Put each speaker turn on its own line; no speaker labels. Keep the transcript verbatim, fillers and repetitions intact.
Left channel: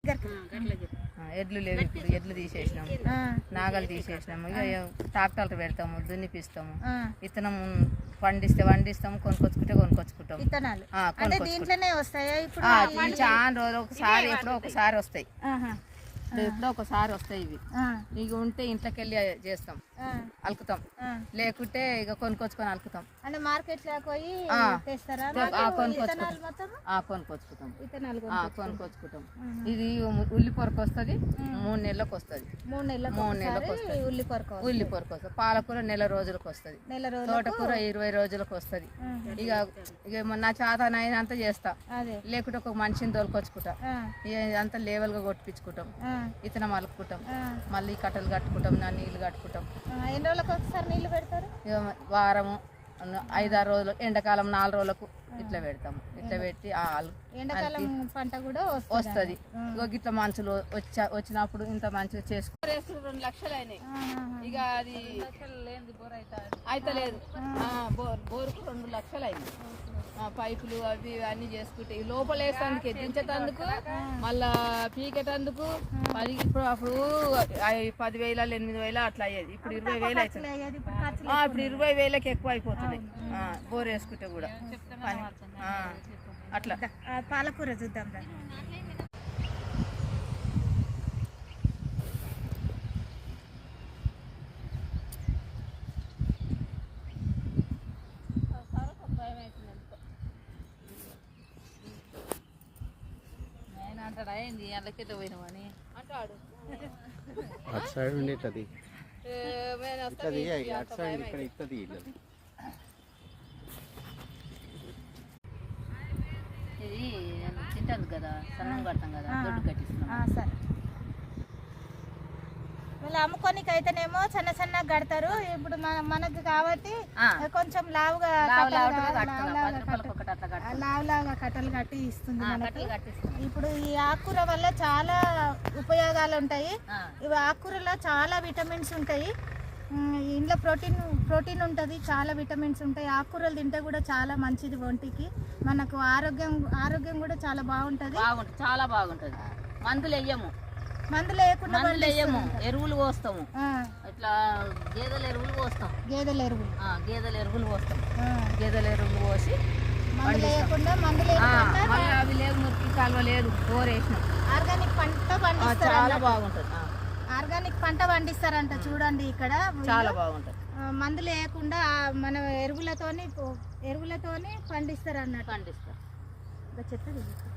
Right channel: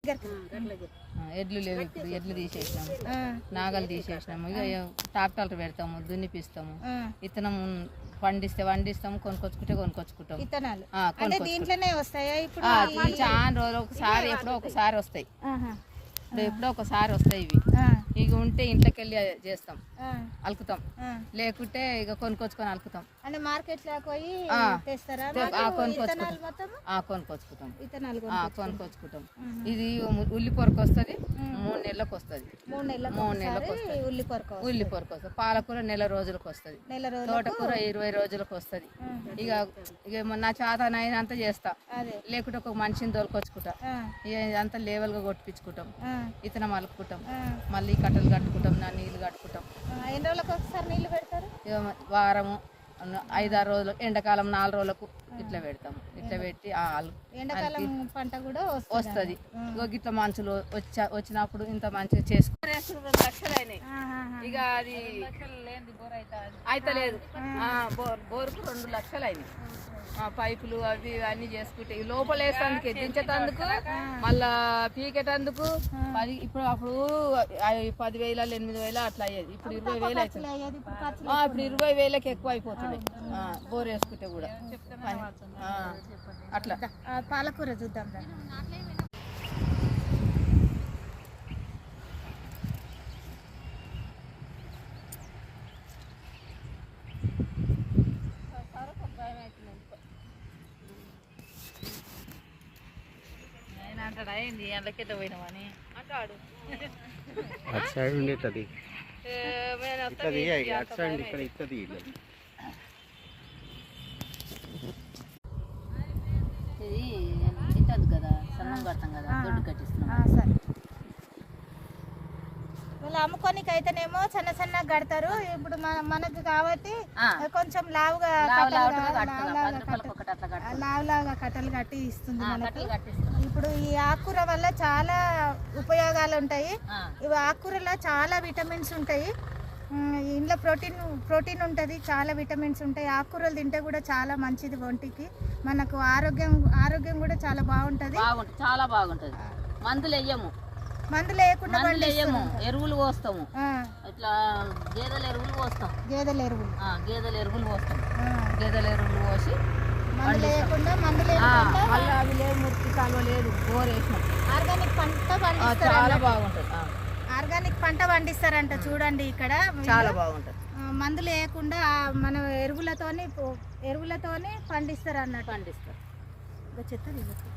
ఎడ్లు లేవు, ఇప్పుడు ఎడ్లు తీసేసినాము, నాగలు తీసేసినాము, ఇక ట్రాక్టర్లు పెడతాము, దున్నిపిస్తాము, విత్తనం పండిస్తే వండిస్తాము, కొనుక్కొచ్చుకుంటే కొనుక్కొచ్చుకుంటాము.
విత్తనాలు దీంట్లోనే వస్తాయా? ఇప్పుడు
చాలా రోజులు ఒకసారి ఎప్పుడో ఒకసారి వస్తాయి, ఎప్పుడో ఒకసారి వస్తాయి ఇవి. ఇక ఉంటే ఇంట్లోకి వెళ్ళి చేస్తాం, అలుకుతాం, లేకుంటే ఇక కొనుక్కొచ్చుకొని అలుకుతాం.
అంటే మార్కెట్ పోయి
కొనుక్కొచ్చుకుంటాం కొనుక్కొచ్చుకుంటాం ఇది ఉల్లి పొరకు వస్తుంది, మూడు నెలలకు వస్తుంది,
మూడు నెలలకు
మూడు నెలలకు వస్తుంది
ఉల్లి పొరకు
ఉల్లి పొరకు వస్తుంది. పాలకూర నెల రోజులకు వస్తుంది, తోటకూర ఇరవై రోజులకు వస్తుంది. ఇక ఇక నా చేతన అయినంత చేస్తా, లేకుంటే ఒక మనిషిని తోలుకొచ్చుకుంటా, ఇక అంతా లేవల్ గా కొట్టించుకుంటాం, ఇతనం అలుకుంటాం, మళ్ళీ కట్టలు కట్టుకుంటాం, నా నీళ్లు కట్టుకుంటాం.
ఎన్ని రోజులకు ఒకసారి నీళ్లు పెడతారు?
వారము ఐదారు రోజులు, ఎండాకాలం నాలుగు రోజులకు ఇట్లా పెడతాము. ఇట్లా పెట్టి
ఎండాకాలం పంట కూడా
వస్తుంది. ఇట్లా మనుషులు వచ్చా వచ్చినప్పుడు ఇంత మంచిగా చేసుకుని రెండు లక్షలు అయినాయి. ఇక అది అయితే లేదు, బోర్ బోరుకు రెండు లక్షలు అయినాయి. పైపులు అవి అన్ని చేసుకుంటే లోపల వేసేందుకు, దించేటందుకు, మళ్ళా పీకేటందుకు పది, ఇప్పుడు అప్పుడు పదివేల ఎనిమిది వేల అట్లా అయ్యేది, ఇప్పుడు ఇరవై వేలు అవుతుంది. ఇప్పుడు ఇరవై వేలకి ఎక్కువ అయిపోతుంది బోర్ వేసుకుంటే కూడా పని. అట్లా
పాలకూర చూద్దాం.
పోయినామని
అంటాడు ఇది తిట్టదు కదా, సన్నం కడతాం కదా, దొడ్డు కట్టిస్తున్నాం.
సరే, వీళ్ళు అమ్ముకోనికి అయితేనేమో సన్న సన్న కడతారు. ఇప్పుడు మనకు కాబట్టి కొంచెం లావుగా లావు లావుగా కట్టలు కట్టి ఇస్తుంది మనకి. ఇప్పుడు ఈ ఆకుకూర వల్ల చాలా ఉపయోగాలు ఉంటాయి. ఇవి ఆకుకూరలో చాలా విటమిన్స్ ఉంటాయి, ఇందులో ప్రోటీన్ ప్రోటీన్ ఉంటుంది, చాలా విటమిన్స్ ఉంటాయి. ఆకుకూరలు తింటే కూడా చాలా మంచిది ఒంటికి, మనకు ఆరోగ్యం ఆరోగ్యం కూడా చాలా బాగుంటుంది.
చాలా బాగుంటుంది. మందులు వేయము,
మందులు వేయకుండా
వేయము, ఎరువులు పోస్తాము. ఇట్లా గేదెల ఎరువులు పోస్తాం,
గేదెల ఎరువులు
గేదెల ఎరువులు పోస్తాం. గేదెల ఎరువులు పోసి
మందులు వేయకుండా, మందులు
అవి లేవు, మురికి కాలువ లేదు, బోర్ వేసినాం.
ఆర్గానిక్ పంట పండిస్తారు,
చాలా బాగుంటుంది.
ఆర్గానిక్ పంట పండిస్తారంట చూడండి ఇక్కడ,
చాలా బాగుంటుంది.
మందులు వేయకుండా మన ఎరువులతోని ఎరువులతోని పండిస్తారు అన్నట్టు.
పండిస్తారు
చెత్త